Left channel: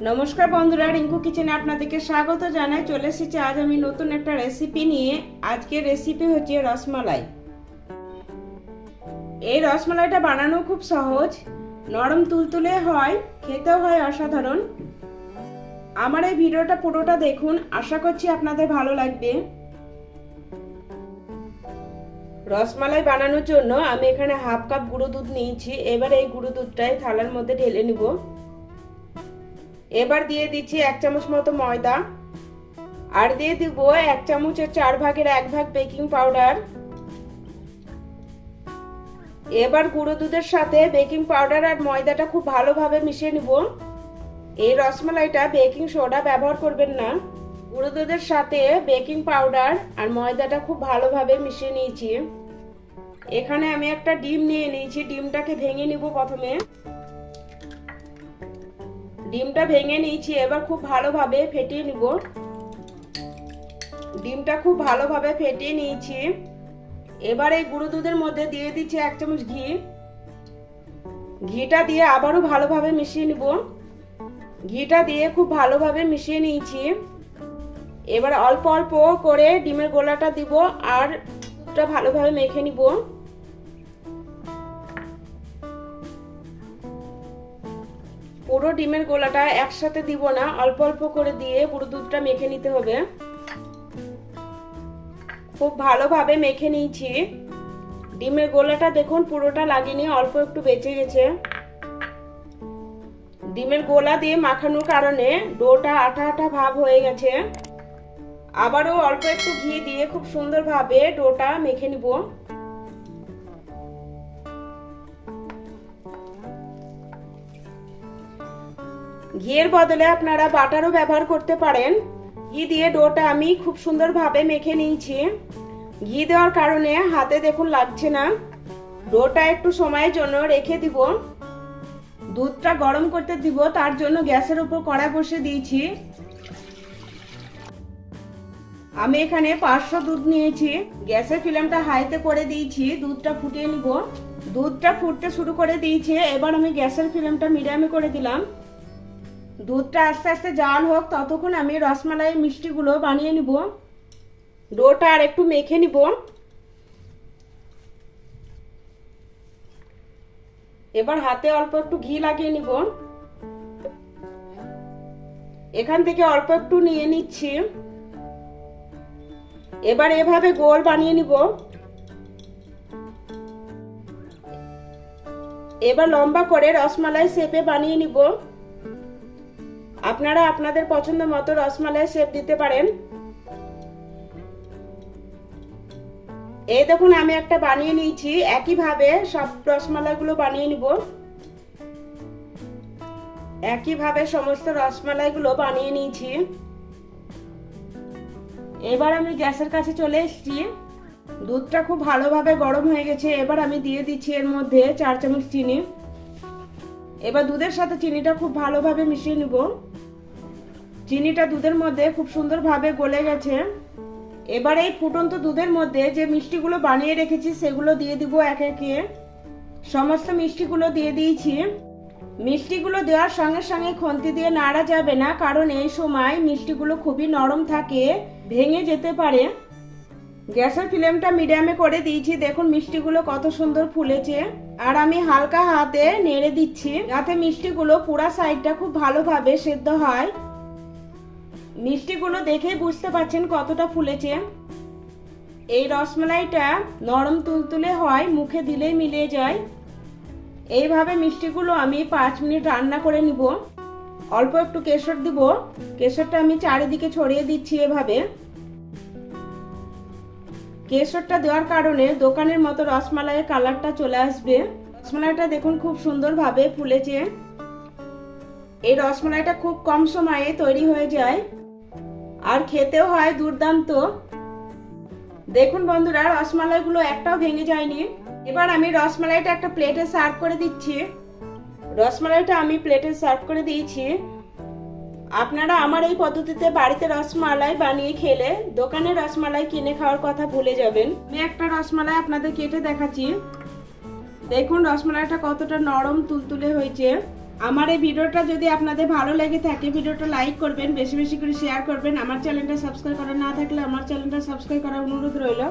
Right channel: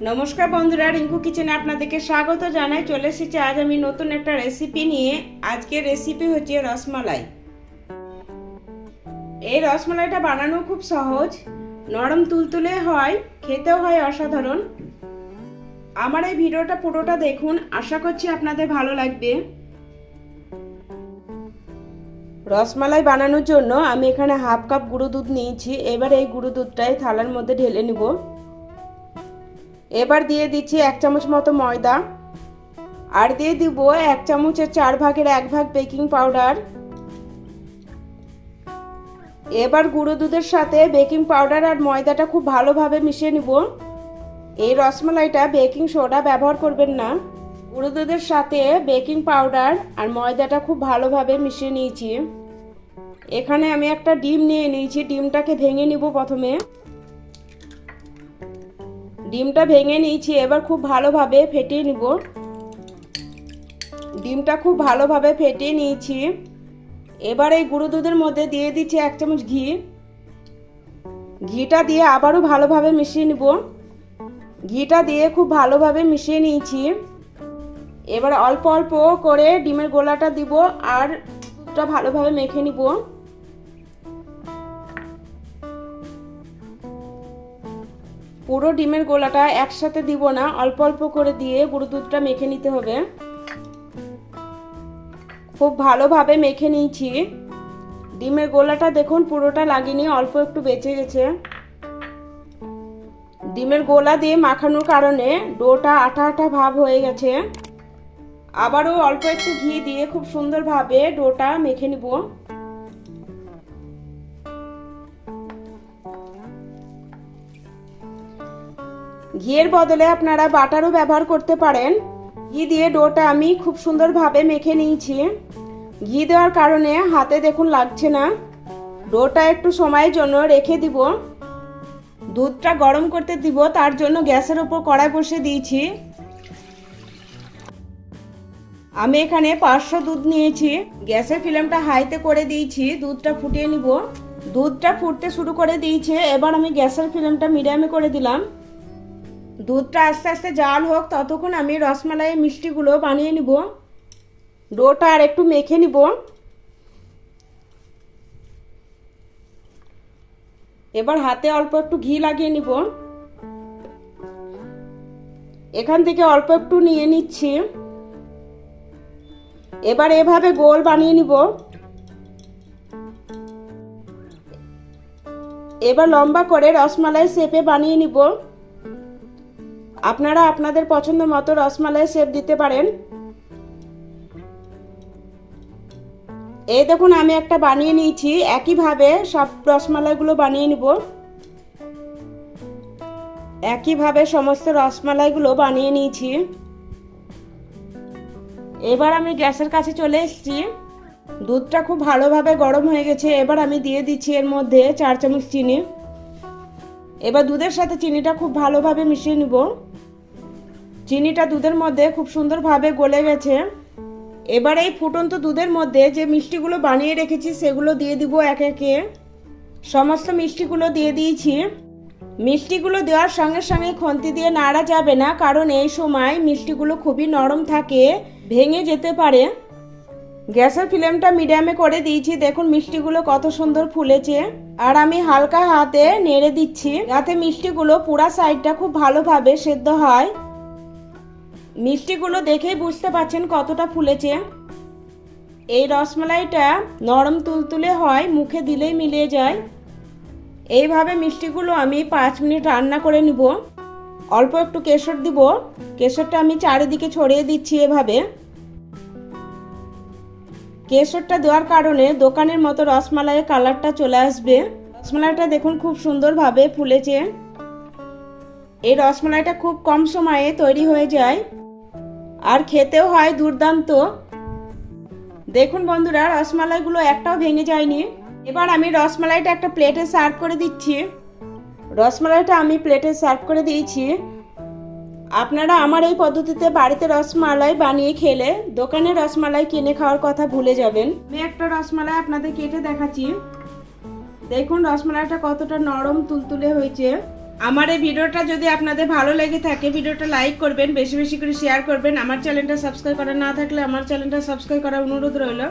নমস্কার বন্ধুরা, রিঙ্কু কিচেনে আপনাদেরকে স্বাগত জানাই। চলে এসেছি আজ আমি নতুন একটা রেসিপি নিয়ে। আজকের রেসিপি হচ্ছে রসমালাই। এই রসমালাইটা বানানো খুব সহজ, নরম তুলতুলে হয়, খেতেও হয় অসাধারণ। আমার এই ভিডিওটা পুরোটা দেখুন, আশা করছি আপনাদের ভালো লাগবে। রসমালাই বানানোর জন্য আমি এখানে হাফ কাপ গুঁড়ো দুধ নিয়েছি। এবার এই গুঁড়ো দুধটাই থালার মধ্যে ঢেলে নেব। এবার দিয়ে দিচ্ছি 1 চামচ মতো ময়দা, আর দিয়ে দিব 1 চামচের 4 ভাগের 1 ভাগ বেকিং পাউডার। এবার গুঁড়ো দুধের সাথে বেকিং পাউডার আর ময়দাটা খুব ভালোভাবে মিশিয়ে নিব। এই রসমালাইটা বেকিং সোডা ব্যবহার করবেন না। গুঁড়ো দুধের সাথে বেকিং পাউডার আর ময়দাটা খুব ভালোভাবে মিশিয়ে নিয়েছি। এখানে আমি একটা ডিম নিয়ে নিয়েছি। ডিমটাকে ভেঙে নিব প্রথমে। ডিমটা ভেঙে নিয়েছি। এবার খুব ভালোভাবে ফেটিয়ে নিব। ডিমটা খুব ভালোভাবে ফেটিয়ে নিয়েছি। এবার এই গুঁড়ো দুধের মধ্যে দিয়ে দিচ্ছি 1 চামচ ঘি। ঘিটা দিয়ে আবারও ভালোভাবে মিশিয়ে নিব। ঘিটা দিয়ে খুব ভালোভাবে মিশিয়ে নিয়েছি। এবার অল্প অল্প করে ডিমের গোলাটা দিব আর ওটা ভালোভাবে মেখে নিব। পুরো ডিমের গোলাটা একসাথে দিব না, অল্প অল্প করে দিয়ে গুঁড়ো দুধটা মেখে নিতে হবে। খুব ভালোভাবে মেখে নিয়েছি। ডিমের গোলাটা দেখুন পুরোটা লাগেনি, অল্প একটু বেঁচে গেছে। ডিমের গোলা দিয়ে মাখানোর কারণে ডোটা আঠা আঠা ভাব হয়ে গেছে। আবারও অল্প একটু ঘি দিয়ে খুব সুন্দরভাবে ডোটা মেখে নিব। ঘিয়ের বদলে আপনারা বাটারও ব্যবহার করতে পারেন। ঘি দিয়ে ডোটা আমি খুব সুন্দরভাবে মেখে নিয়েছি। ঘি দেওয়ার কারণে হাতে দেখুন লাগছে না। ডোটা একটু সময়ের জন্য রেখে দিব। দুধটা গরম করতে দিব, তার জন্য গ্যাসের উপর কড়াই বসিয়ে দিয়েছি। আমি এখানে 500 দুধ নিয়েছি। গ্যাসের ফ্লেমটা হাইতে করে দিয়েছি। দুধটা ফুটিয়ে নিব। দুধটা ফুটতে শুরু করে দিয়েছে। এবার আমি গ্যাসের ফ্লেমটা মিডিয়ামে করে দিলাম। দুধটা আস্তে আস্তে জাল হোক, ততক্ষণ আমি রসমালাই মিষ্টিগুলো বানিয়ে নিব। ডোটা আর একটু মেখে নিব। এবার হাতে অল্প একটু ঘি লাগিয়ে নিব। এখান থেকে অল্প একটু নিয়ে নিচ্ছি। এবার এভাবে গোল বানিয়ে নিব। এবার লম্বা করে রসমালাই শেপে বানিয়ে নিব। আপনারা আপনাদের পছন্দ মতো রসমালাই শেপ দিতে পারেন। এই দেখুন আমি একটা বানিয়ে নিয়েছি। একইভাবে সব রসমালাইগুলো বানিয়ে নিব। একইভাবে সমস্ত রসমালাইগুলো বানিয়ে নিয়েছি। এবার আমি গ্যাসের কাছে চলে এসেছি। দুধটা খুব ভালোভাবে গরম হয়ে গেছে। এবার আমি দিয়ে দিচ্ছি এর মধ্যে 4 চামচ চিনি। এবার দুধের সাথে চিনিটা খুব ভালোভাবে মিশিয়ে নিব। চিনিটা দুধের মধ্যে খুব সুন্দরভাবে গলে গেছে। এবার এই ফুটন্ত দুধের মধ্যে যে মিষ্টিগুলো বানিয়ে রেখেছি সেগুলো দিয়ে দিব একে একে। সমস্ত মিষ্টিগুলো দিয়ে দিয়েছি। মিষ্টিগুলো দেওয়ার সঙ্গে সঙ্গে খুন্তি দিয়ে নাড়া যাবে না, কারণ এই সময় মিষ্টিগুলো খুবই নরম থাকে, ভেঙে যেতে পারে। গ্যাসের ফ্লেমটা মিডিয়ামে করে দিয়েছি। দেখুন মিষ্টিগুলো কত সুন্দর ফুলেছে। আর আমি হালকা হাতে নেড়ে দিচ্ছি যাতে মিষ্টিগুলো পুরা সাইডটা খুব ভালোভাবে সেদ্ধ হয়। মিষ্টিগুলো দেখেই বুঝতে পারছেন কতটা ফুলেছে। এই রসমালাইটা নরম তুলতুলে হয়, মুখে দিলেই মিলিয়ে যায়। এইভাবে মিষ্টিগুলো আমি 5 মিনিট রান্না করে নিব। অল্প একটু কেশর দিব। কেশরটা আমি চারিদিকে ছড়িয়ে দিচ্ছি এভাবে। কেশরটা দেওয়ার কারণে দোকানের মতো রসমালাইয়ের কালারটা চলে আসবে। রসমালাইটা দেখুন খুব সুন্দরভাবে ফুলেছে। এই রসমালাইটা খুব কম সময়ে তৈরি হয়ে যায় আর খেতেও হয় দুর্দান্ত। দেখুন বন্ধুরা, রসমালাইগুলো একটাও ভেঙে যায়নি। এবার আমি রসমালাইটা একটা প্লেটে সার্ভ করে দিচ্ছি। রসমালাইটা আমি প্লেটে সার্ভ করে দিয়েছি। আপনারা আমার এই পদ্ধতিতে বাড়িতে রসমালাই বানিয়ে খেলে দোকানের রসমালাই কিনে খাওয়ার কথা ভুলে যাবেন। আমি একটা রসমালাই আপনাদের কেটে দেখাচ্ছি। দেখুন রসমালাইটা কতটা নরম তুলতুলে হয়েছে। আমার এই ভিডিওটা যদি আপনাদের ভালো লেগে থাকে ভিডিওটা লাইক করবেন, বেশি বেশি করে শেয়ার করবেন। আমার চ্যানেলটা সাবস্ক্রাইব করা না থাকলে আমার চ্যানেলটা সাবস্ক্রাইব করার অনুরোধ রইল।